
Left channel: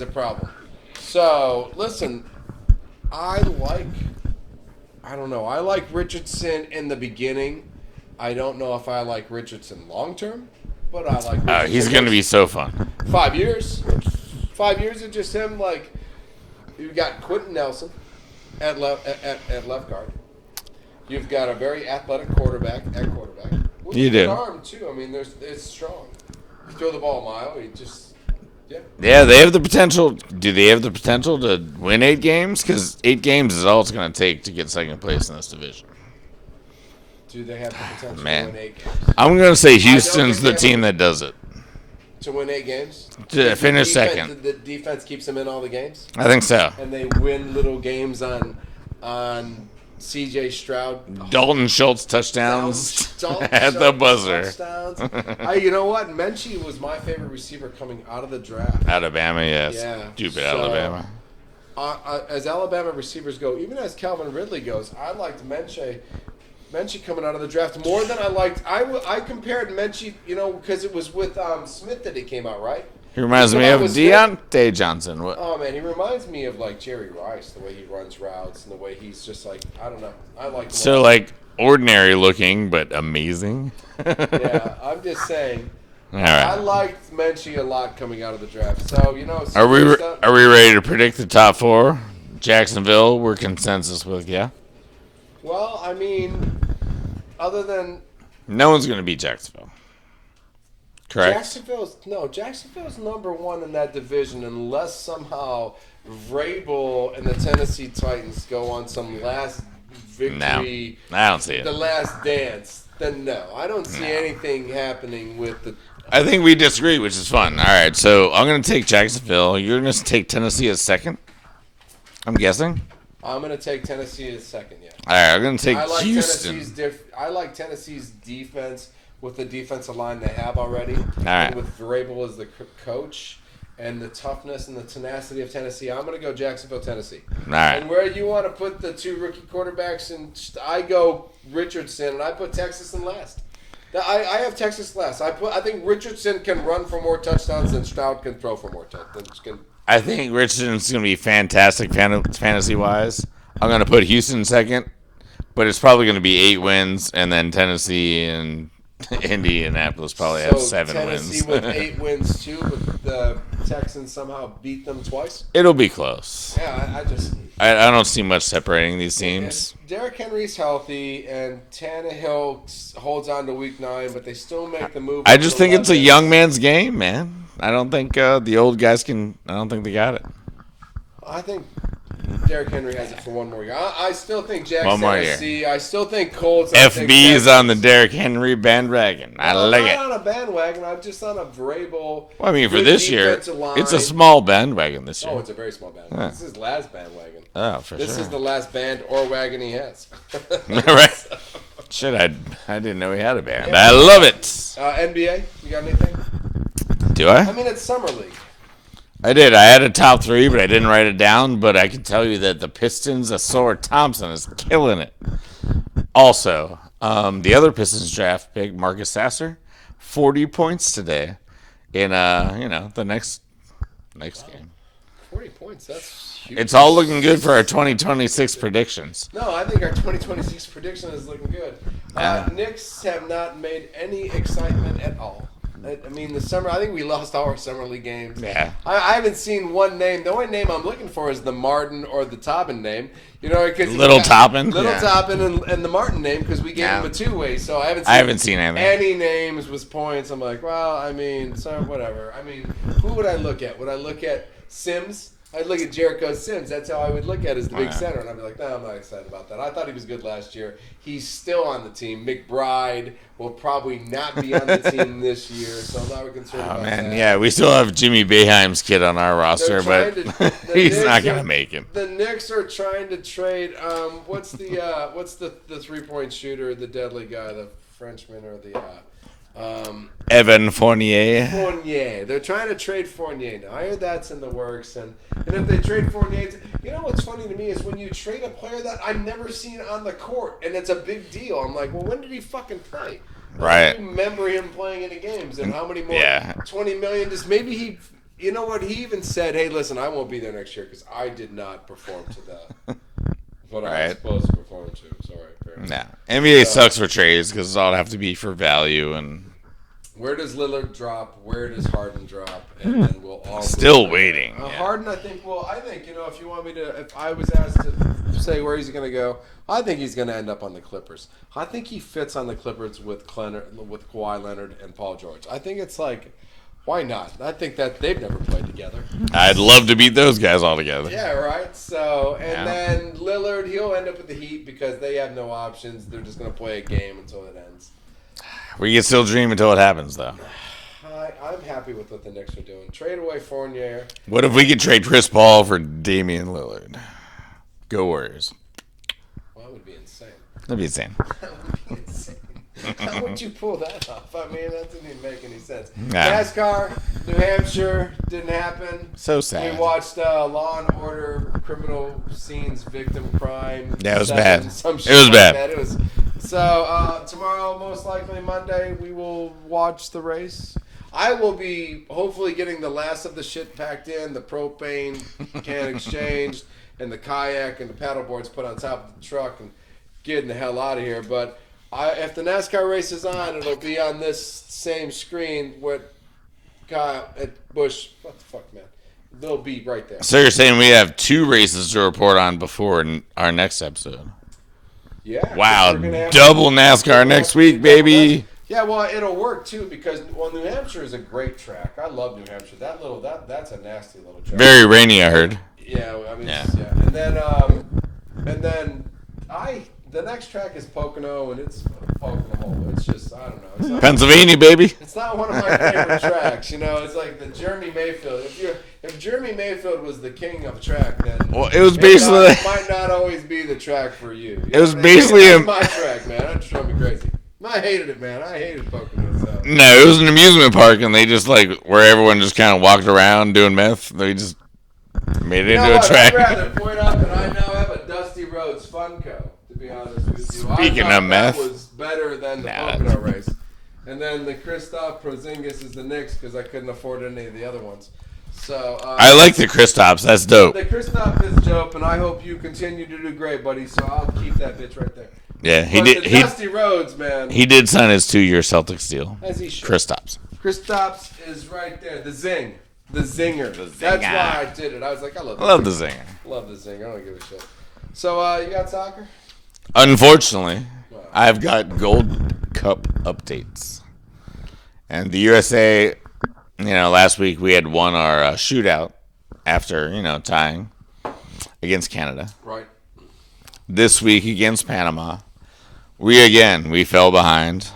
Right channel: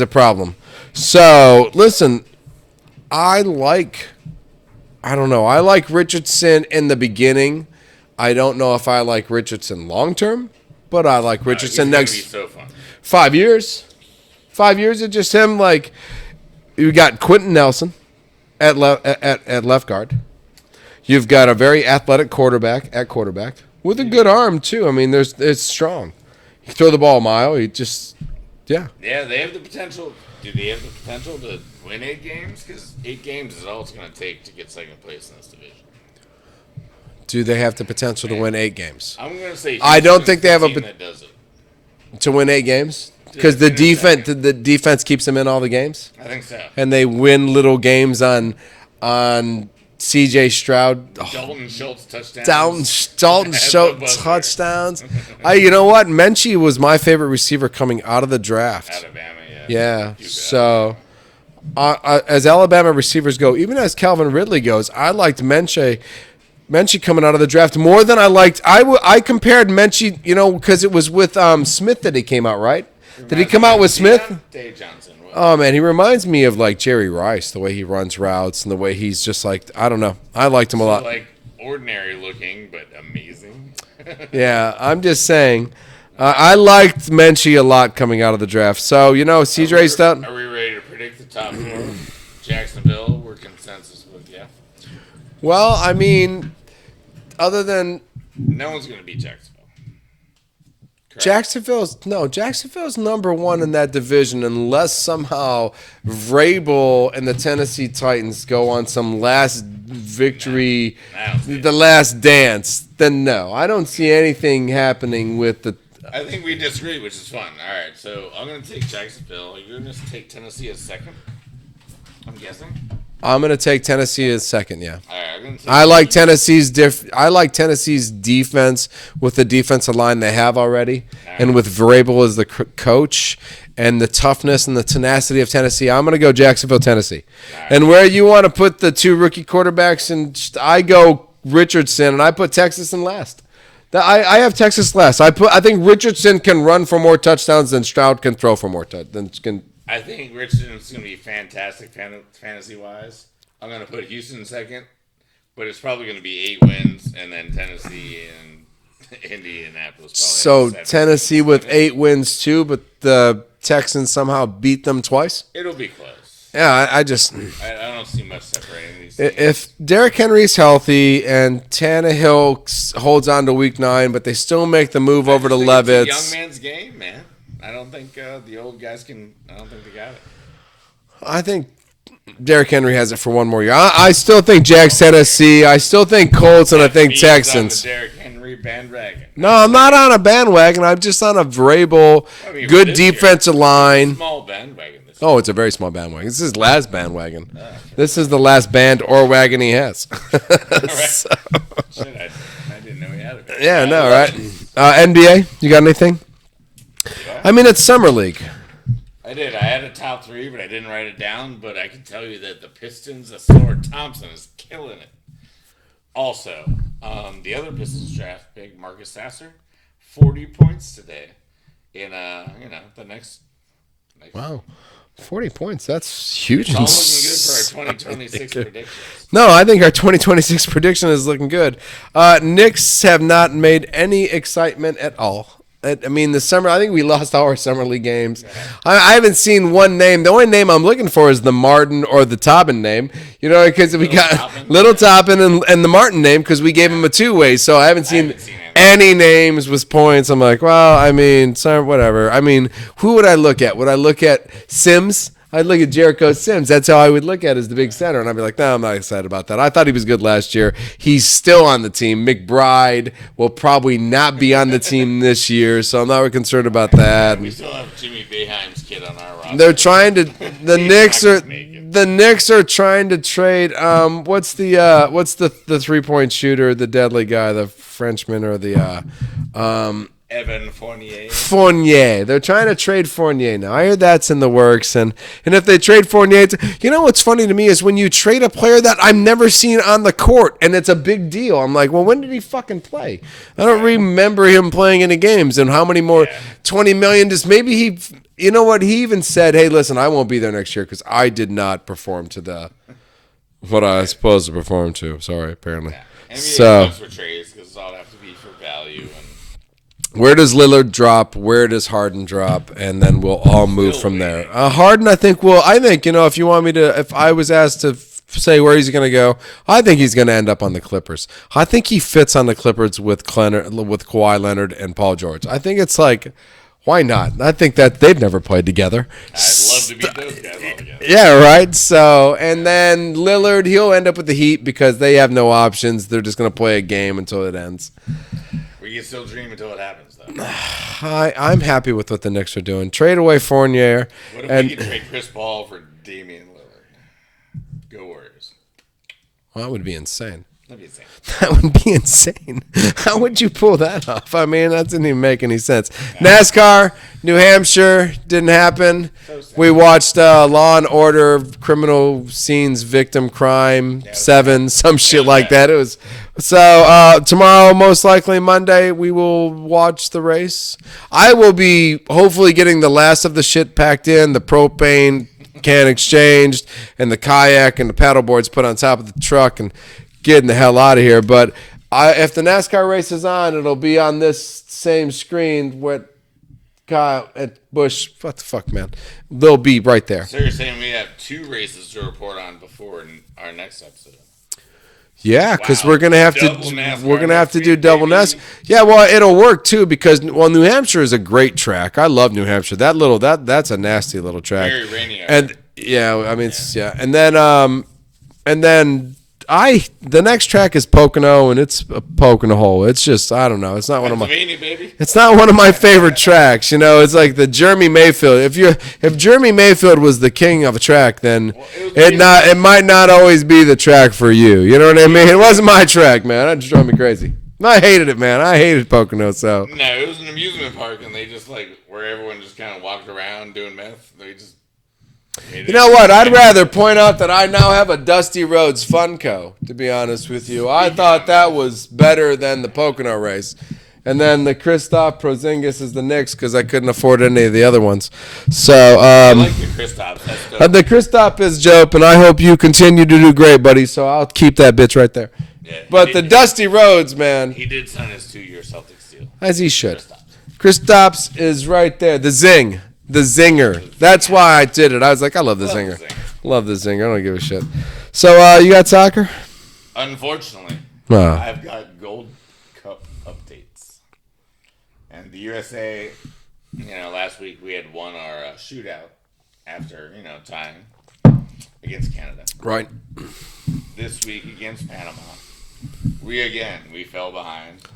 a problem. So listen, I like Richardson in the beginning. I don't know if I like Richardson long term, but I like Richardson. He's going to be so fun. 5 years. 5 years of just him. Like, you got Quentin Nelson at left guard. You've got a very athletic quarterback at quarterback with a good arm too. I mean, it's strong. You throw the ball a mile. You just Yeah, they have the potential. Do they have the potential to win 8 games? Because 8 games is all it's going to take to get second place in this division. Do they have the potential to win 8 games? I'm going to say Houston's the team that does it. To win 8 games? Because the defense keeps them in all the games? I think so. And they win little games on C.J. Stroud. Dalton Schultz touchdowns. Dalton Schultz touchdowns. You know what? Menchie was my favorite receiver coming out of the draft. Alabama, yes. Yeah. Stupid so, Alabama. As Alabama receivers go, even as Calvin Ridley goes, I liked Menchie coming out of the draft more than I liked. I compared Menchie, because it was with Smith that he came out, right? Did he come out with Smith? Deontay Johnson. Oh, man, he reminds me of, like, Jerry Rice, the way he runs routes and the way he's just, like, I don't know. I liked him a lot. So, like, ordinary looking, but amazing. Yeah, I'm just saying. Right. I liked Menchie a lot coming out of the draft. So, CJ Stroud. Are we ready to predict the top 4? Jacksonville, we're consensus with, yeah? Well, I mean, other than... No one's going to beat Jacksonville. Correct. Jacksonville's number 1 in that division unless somehow Vrabel and the Tennessee Titans go on some last victory, I don't see the last dance. Then no, I don't see anything happening with the... I think we disagree, which is fun. All right, so I'm going to take Jacksonville. You're going to take Tennessee as second, I'm guessing? I'm gonna take Tennessee as second. Yeah. All right, I'm gonna take. I like Tennessee's defense with the defensive line they have already, and with Vrabel as the coach, and the toughness and the tenacity of Tennessee. I'm gonna go Jacksonville, Tennessee. Right. And where you want to put the 2 rookie quarterbacks, and I go Richardson, and I put Texas in last. I have Texas last. I think Richardson can run for more touchdowns than Stroud can throw for more touchdowns. I think Richardson's going to be fantastic fantasy-wise. I'm going to put Houston second, but it's probably going to be 8 wins, and then Tennessee and Indianapolis probably have 7 Tennessee wins. with 8 wins too, but the Texans somehow beat them twice. It'll be close. Yeah, I don't see much separating these teams. If Derrick Henry's healthy and Tannehill holds on to Week 9, but they still make the move over to Levis. I just think it's a young man's game, man. I don't think the old guys can. I don't think they got it. I think Derrick Henry has it for one more year. I still think Jags Tennessee. I still think Colts, and I think Texans. on the Derrick Henry bandwagon. No, I'm not on a bandwagon. I'm just on a Vrabel, good defensive line. It's a small bandwagon this year. Oh, it's a very small bandwagon. This is his last bandwagon. Oh, this is the last band or wagon he has. Right. So. Shit, I didn't know he had a band. Yeah, I love it. NBA, you got anything? Do I? I mean, it's Summer League. I did. I had a top 3, but I didn't write it down. But I can tell you that the Pistons, Asor Thompson, is killing it. Also, the other Pistons draft pick, Marcus Sasser, 40 points today in the next game. 40 points. That's huge. It's all looking good for our 2026 predictions. No, I think our 2026 prediction is looking good. Knicks have not made any excitement at all. I mean, the summer. I think we lost our summer league games. Yeah. I haven't seen one name. The only name I'm looking for is the Martin or the Tobin name. Because Little Toppin and the Martin name because we gave him a 2-way. So I haven't seen any names with points. I'm like, well, I mean, sorry, whatever. I mean, who would I look at? Would I look at Sims? I'd look at Jericho Sims. That's how I would look at as the big center. And I'd be like, no, I'm not excited about that. I thought he was good last year. He's still on the team. McBride will probably not be on the team this year, so I'm not really concerned about that. Yeah, we still have Jimmy Boeheim's kid on our roster. They're trying to the Knicks are trying to trade what's the 3-point shooter, the deadly guy, the Frenchman or the Evan Fournier. Fournier. They're trying to trade Fournier now. I hear that's in the works. And if they trade Fournier, you know what's funny to me is when you trade a player that I've never seen on the court and it's a big deal. I'm like, well, when did he fucking play? I don't remember him playing any games. And how many more? Yeah. 20 million. Just maybe he, you know what? He even said, hey, listen, I won't be there next year because I did not perform to the what I was supposed to perform to. Sorry, apparently. Nah. NBA sucks for trades because it'll have to be for value and. Where does Lillard drop? Where does Harden drop? And then we'll all move from there. Harden, I think, if you want me to, if I was asked to say where he's going to go, I think he's going to end up on the Clippers. I think he fits on the Clippers with Kawhi Leonard and Paul George. I think it's like, why not? I think that they've never played together. I'd love to beat those guys all together. Yeah, right? So, and then Lillard, he'll end up with the Heat because they have no options. They're just going to play a game until it ends. We can still dream until it happens, though. I'm happy with what the Knicks are doing. Trade away Fournier. What if we could trade Chris Paul for Damian Lillard? Go Warriors. Well, that would be insane. That'd be insane. That would be insane. How would you pull that off? I mean, that didn't even make any sense. Nah. NASCAR, New Hampshire, didn't happen. So sad. We watched Law and Order, Criminal Scenes, Victim Crime, 7, some shit like that. It was so tomorrow, most likely Monday, we will watch the race. I will be hopefully getting the last of the shit packed in, the propane can exchanged, and the kayak and the paddle boards put on top of the truck and getting the hell out of here. But if the NASCAR race is on, it'll be on this same screen with Kyle and Busch. What the fuck, man? They'll be right there. So you're saying we have 2 races to report on before our next episode? Yeah, because we're gonna have double NASCAR next week, double baby. NASCAR. Yeah, well, it'll work too because New Hampshire is a great track. I love New Hampshire. That's a nasty little track. Very rainy, I heard. Yeah, I mean, yeah. And then the next track is Pocono, and it's a poke in a hole. It's just, I don't know. It's not Pennsylvania, baby. It's not one of my favorite tracks. You know, it's like the Jeremy Mayfield. If Jeremy Mayfield was the king of a track, then it might not always be the track for you. You know what I mean? It wasn't my track, man. That just drove me crazy. I hated it, man. I hated Pocono. So no, it was an amusement park, and they just where everyone just kind of walked around doing meth. They just. You know what? I'd rather point out that I now have a Dusty Rhodes Funko, to be honest with you. I thought that was better than the Pocono race. And then the Kristaps Porzingis is the Knicks because I couldn't afford any of the other ones. So I like the Kristaps. That's dope. The Kristaps is dope, and I hope you continue to do great, buddy. So I'll keep that bitch right there. Yeah. But the Dusty Rhodes, man. He did sign his 2-year Celtics deal. As he should. Kristaps is right there. The zing. The zinger. That's why I did it. I was like, I love the zinger. Love the zinger. I don't give a shit. So, you got soccer? Unfortunately, I've got Gold Cup updates. And the USA, last week we had won our shootout after, tying against Canada. Right. This week against Panama, we fell behind.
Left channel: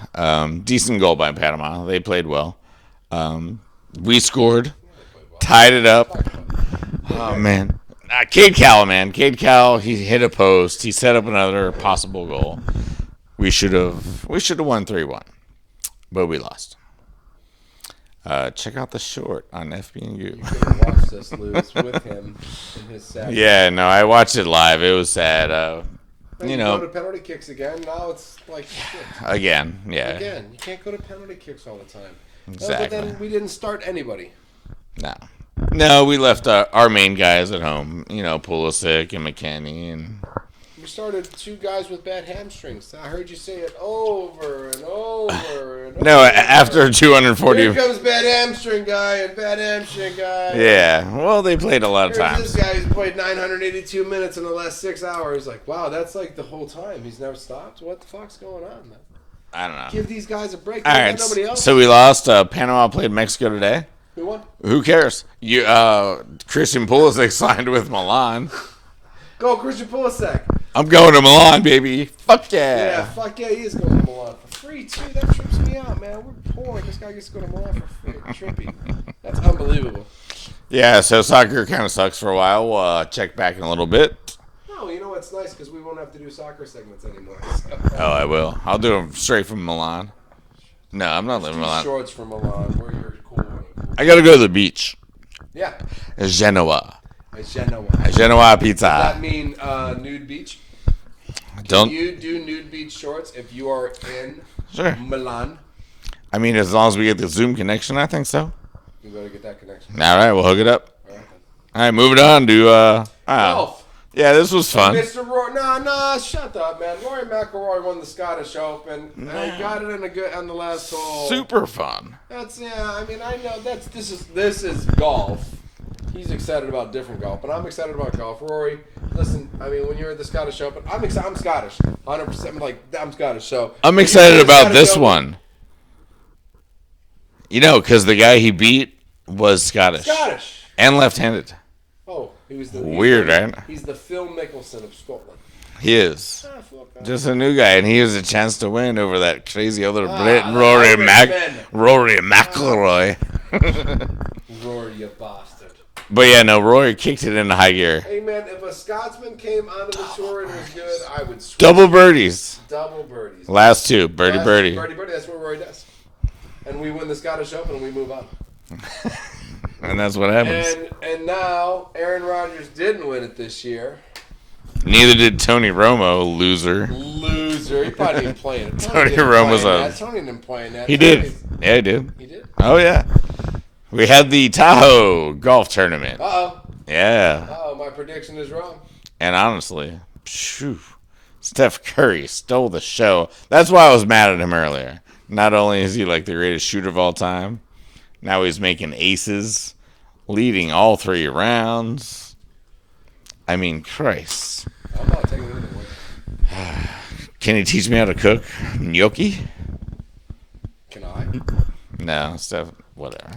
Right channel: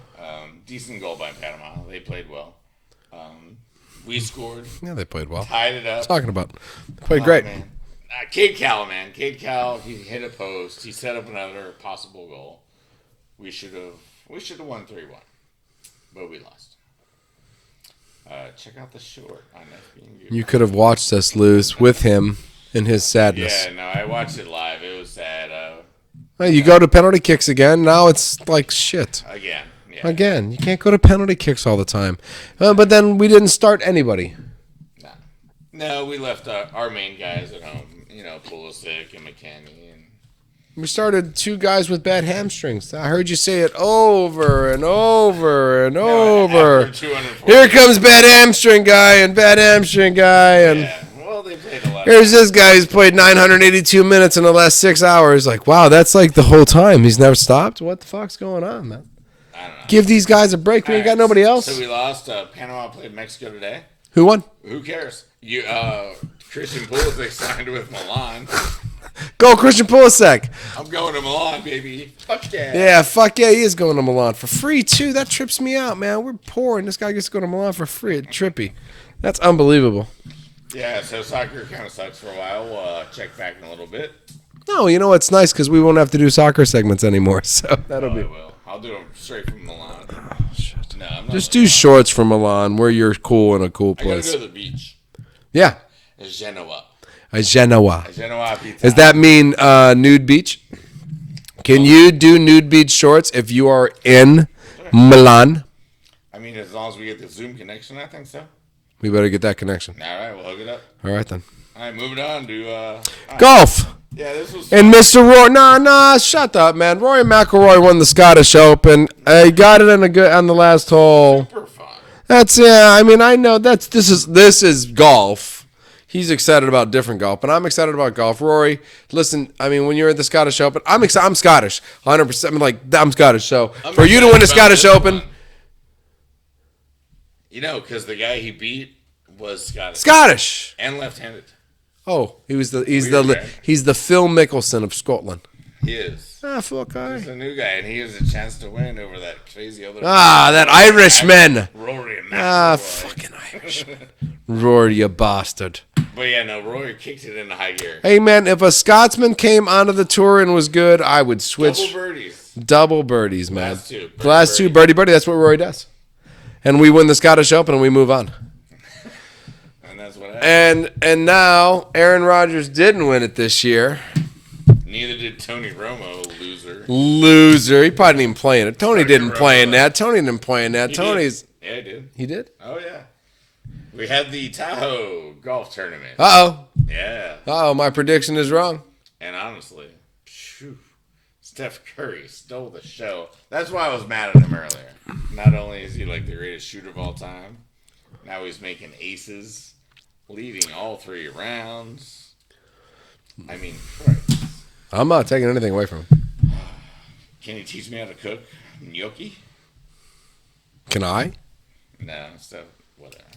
Decent goal by Panama. They played well. We scored. Yeah, they played well. Tied it up. Talking about. Played great. Man. Cade Cowell, he hit a post. He set up another possible goal. We should have won 3-1. But we lost. Check out the short on FB and GOOB. You could have watched us lose with him in his sadness. Yeah, no, I watched it live. It was sad. You go to penalty kicks again. Now it's like shit. Again, yeah. Again, you can't go to penalty kicks all the time. Exactly. But then we didn't start anybody. No, we left our main guys at home. Pulisic and McKennie, and we started 2 guys with bad hamstrings. I heard you say it over and over and over. No, after 240. Here comes bad hamstring guy and bad hamstring guy. Yeah, well, they played a lot of Here's this guy who's played 982 minutes in the last 6 hours. Like, wow, that's like the whole time. He's never stopped? What the fuck's going on, man? I don't know. Give these guys a break. We got nobody else. So we lost. Panama played Mexico today. Who won? Who cares? Christian Pulisic signed with Milan. Go, Christian Pulisic. I'm going to Milan, baby. Fuck yeah. Yeah, fuck yeah, he is going to Milan for free, too. That trips me out, man. We're poor, and this guy gets to go to Milan for free. It's trippy. That's unbelievable. Yeah, so soccer kind of sucks for a while. We'll check back in a little bit. No, you know what's nice? Because we won't have to do soccer segments anymore. So I will. I'll do them straight from Milan. Oh, shit. No, I'm not. Just do shorts for Milan where you're cool in a cool place. I got to go to the beach. Yeah. Genoa. Genoa. Genoa pizza. Does that mean nude beach? Can you do nude beach shorts if you are in Milan? I mean, as long as we get the Zoom connection, I think so. We better get that connection. All right, we'll hook it up. All right, then. All right, moving on to golf. Yeah, this was fun. And Mr. Rory, nah, shut up, man. Rory McIlroy won the Scottish Open. He got it on the last hole. Super fun. I mean, I know this is golf. He's excited about different golf, but I'm excited about golf. Rory, listen, I mean, when you're at the Scottish Open, I'm Scottish, 100%. I'm Scottish, so I'm excited about this one. You know, because the guy he beat was Scottish and left-handed. Oh, he's the Phil Mickelson of Scotland. He is. Just a new guy, and he has a chance to win over that crazy other Irishman. Rory McIlroy. Rory, you bastard. But yeah, no, Rory kicked it into high gear. Hey, man, if a Scotsman came onto the tour and was good, I would switch. Double birdies. Man. Last two. Birdie. That's what Rory does. And we win the Scottish Open and we move on. And that's what happens. And now Aaron Rodgers didn't win it this year. Neither did Tony Romo, loser. He probably didn't even play in it. Tony didn't play in that. He did. Yeah, he did. He did? Oh, yeah. We had the Tahoe golf tournament. Uh-oh. Yeah. Uh-oh, my prediction is wrong. And honestly, Steph Curry stole the show. That's why I was mad at him earlier. Not only is he like the greatest shooter of all time, now he's making aces, leading all 3 rounds. I mean, Christ. I'm not taking anything away from him. Can he teach me how to cook gnocchi? Can I? No, Steph, whatever.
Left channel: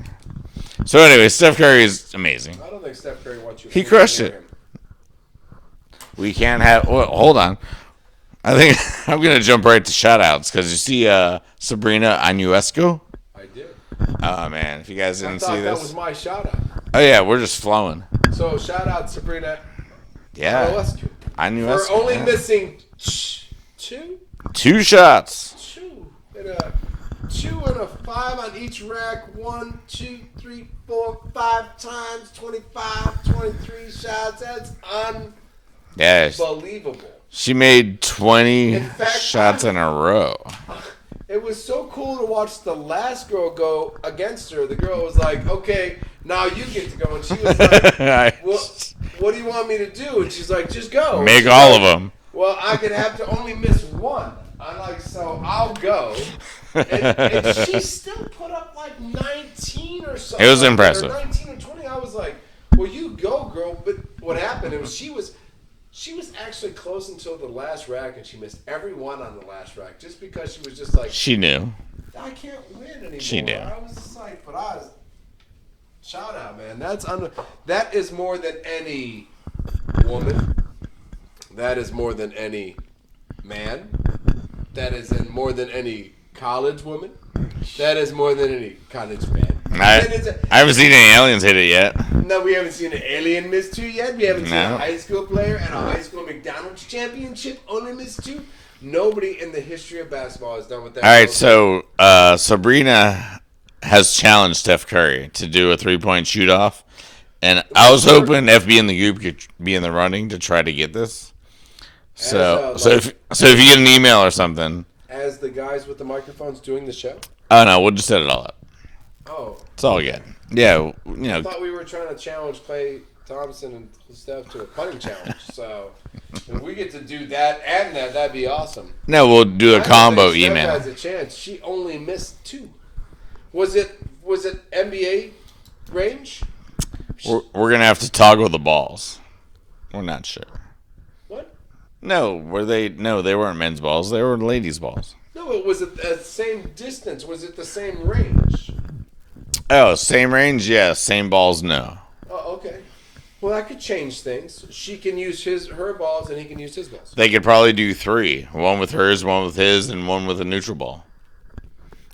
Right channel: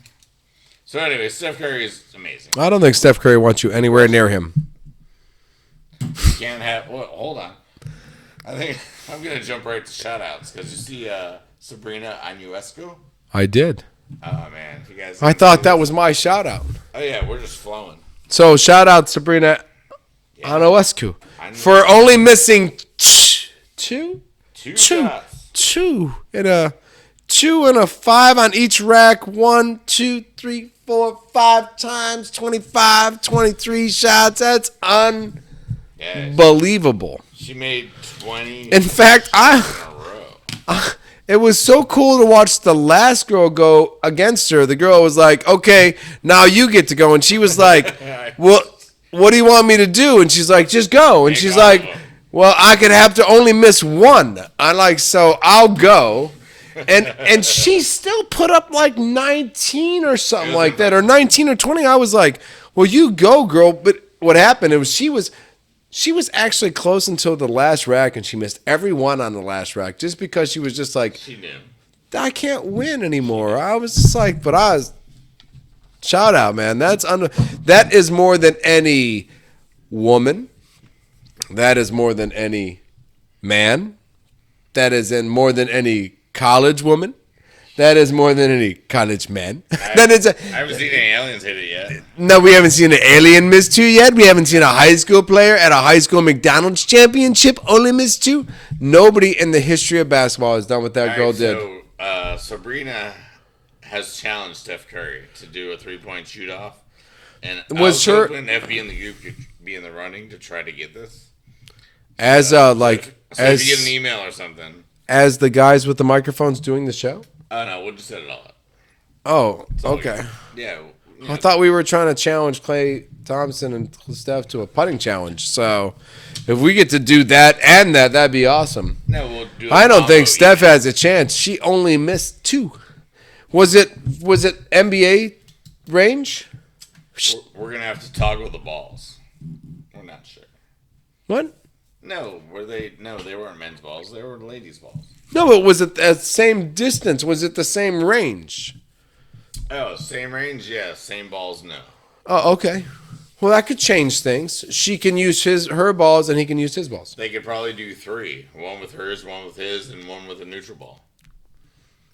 So anyway, Steph Curry is amazing. I don't think Steph Curry wants you anywhere near him. We can't have... Well, hold on. I think I'm going to jump right to shout-outs because you see Sabrina Ionescu? I did. Oh, man. If you guys I thought that was my shout-out. Oh, yeah. We're just flowing. So, shout-out Sabrina Ionescu for only missing two shots. Two and a 5 on each rack. 1, 2, 3, 4, 5 times 25, 23 shots. That's unbelievable. She made 20 shots in a row. It was so cool to watch the last girl go against her. The girl was like, okay, now you get to go. And she was like, well, what do you want me to do? And she's like, just go. And she's all like, of them. Well, I could have to only miss 1. I'm like, so I'll go. And she still put up like 19 or something like impressive. That, or 19 or 20. I was like, well, you go, girl. But what happened, she was actually close until the last rack, and she missed every one on the last rack just because she was just like... She knew. I can't win anymore. I was just like, but I was... Shout out, man. That is more than any woman. That is more than any man. That is more than any college woman. That is more than any college man. I haven't seen any aliens hit it yet. No, we haven't seen an alien miss 2 yet. We haven't seen a high school player at a high school McDonald's championship only miss 2. Nobody in the history of basketball has done what that girl did. All right, so Sabrina has challenged Steph Curry to do a 3-point shoot-off. And I was hoping FB and the GOOB could be in the running to try to get this. If you get an email or something. As the guys with the microphones doing the show? Oh, no, we'll just set it all up. Oh, it's all good. Yeah. I thought we were trying to challenge Klay Thompson and Steph to a putting challenge. So if we get to do that and that'd be awesome. No, we'll do a combo. I don't think Steph has a chance. She only missed 2. Was it NBA range? We're going to have to toggle the balls. We're not sure. What? No, they weren't men's balls. They were ladies' balls. No, but was it the same distance? Was it the same range? Oh, same range? Yeah. Same balls? No. Oh, okay. Well, that could change things. She can use her balls, and he can use his balls. They could probably do 3. 1 with hers, 1 with his, and 1 with a neutral ball.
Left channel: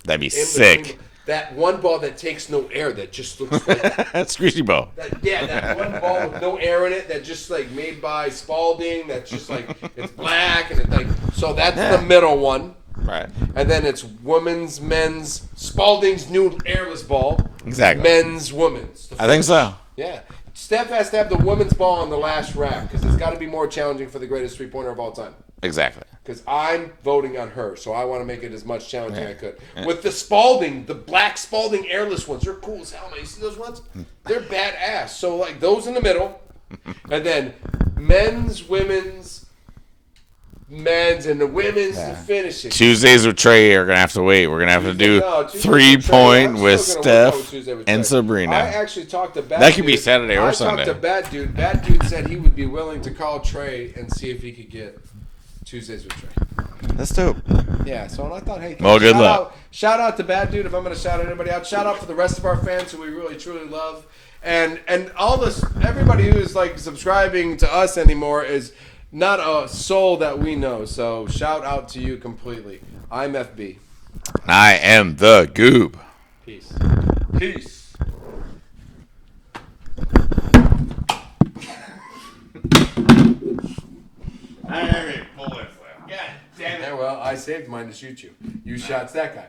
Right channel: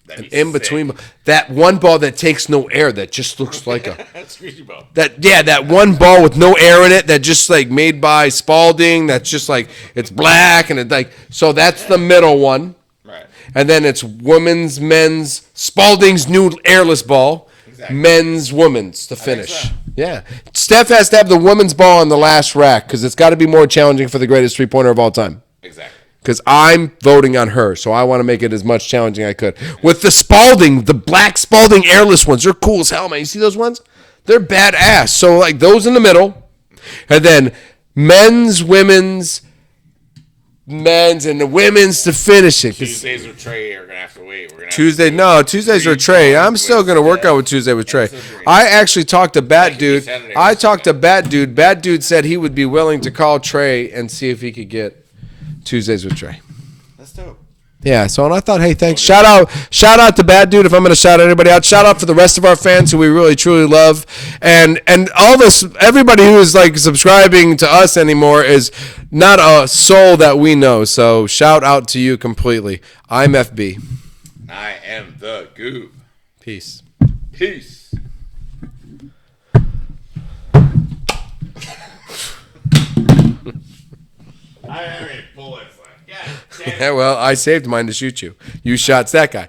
That'd be in sick. Between that one ball that takes no air, that just looks like a squeezy ball. That one ball with no air in it, that just like made by Spalding. That's just like it's black and it like so. That's the middle one. Right. And then it's women's, men's, Spalding's new airless ball. Exactly. Men's, women's. I think so. Yeah. Steph has to have the women's ball on the last rack because it's got to be more challenging for the greatest three-pointer of all time. Exactly. Because I'm voting on her, so I want to make it as much challenging as I could. With the Spalding, the black Spalding airless ones, they're cool as hell, man. You see those ones? They're badass. So, like, those in the middle. And then men's, women's, and the women's to finish it. Tuesdays with Trey are gonna have to wait. We're gonna have Tuesdays with Trey. I'm still gonna work out with Tuesday with Trey. I actually talked to Bat Dude. Talked to Bat Dude. Bat Dude said he would be willing to call Trey and see if he could get Tuesdays with Trey. That's dope. Yeah, so and I thought, hey, thanks. Shout out to Bad Dude if I'm going to shout out anybody out. Shout out for the rest of our fans who we really truly love, and all this, everybody who is like subscribing to us anymore is not a soul that we know. So shout out to you completely. I'm FB. I am the Goob. Peace. Yeah, well, I saved mine to shoot you. You shot that guy.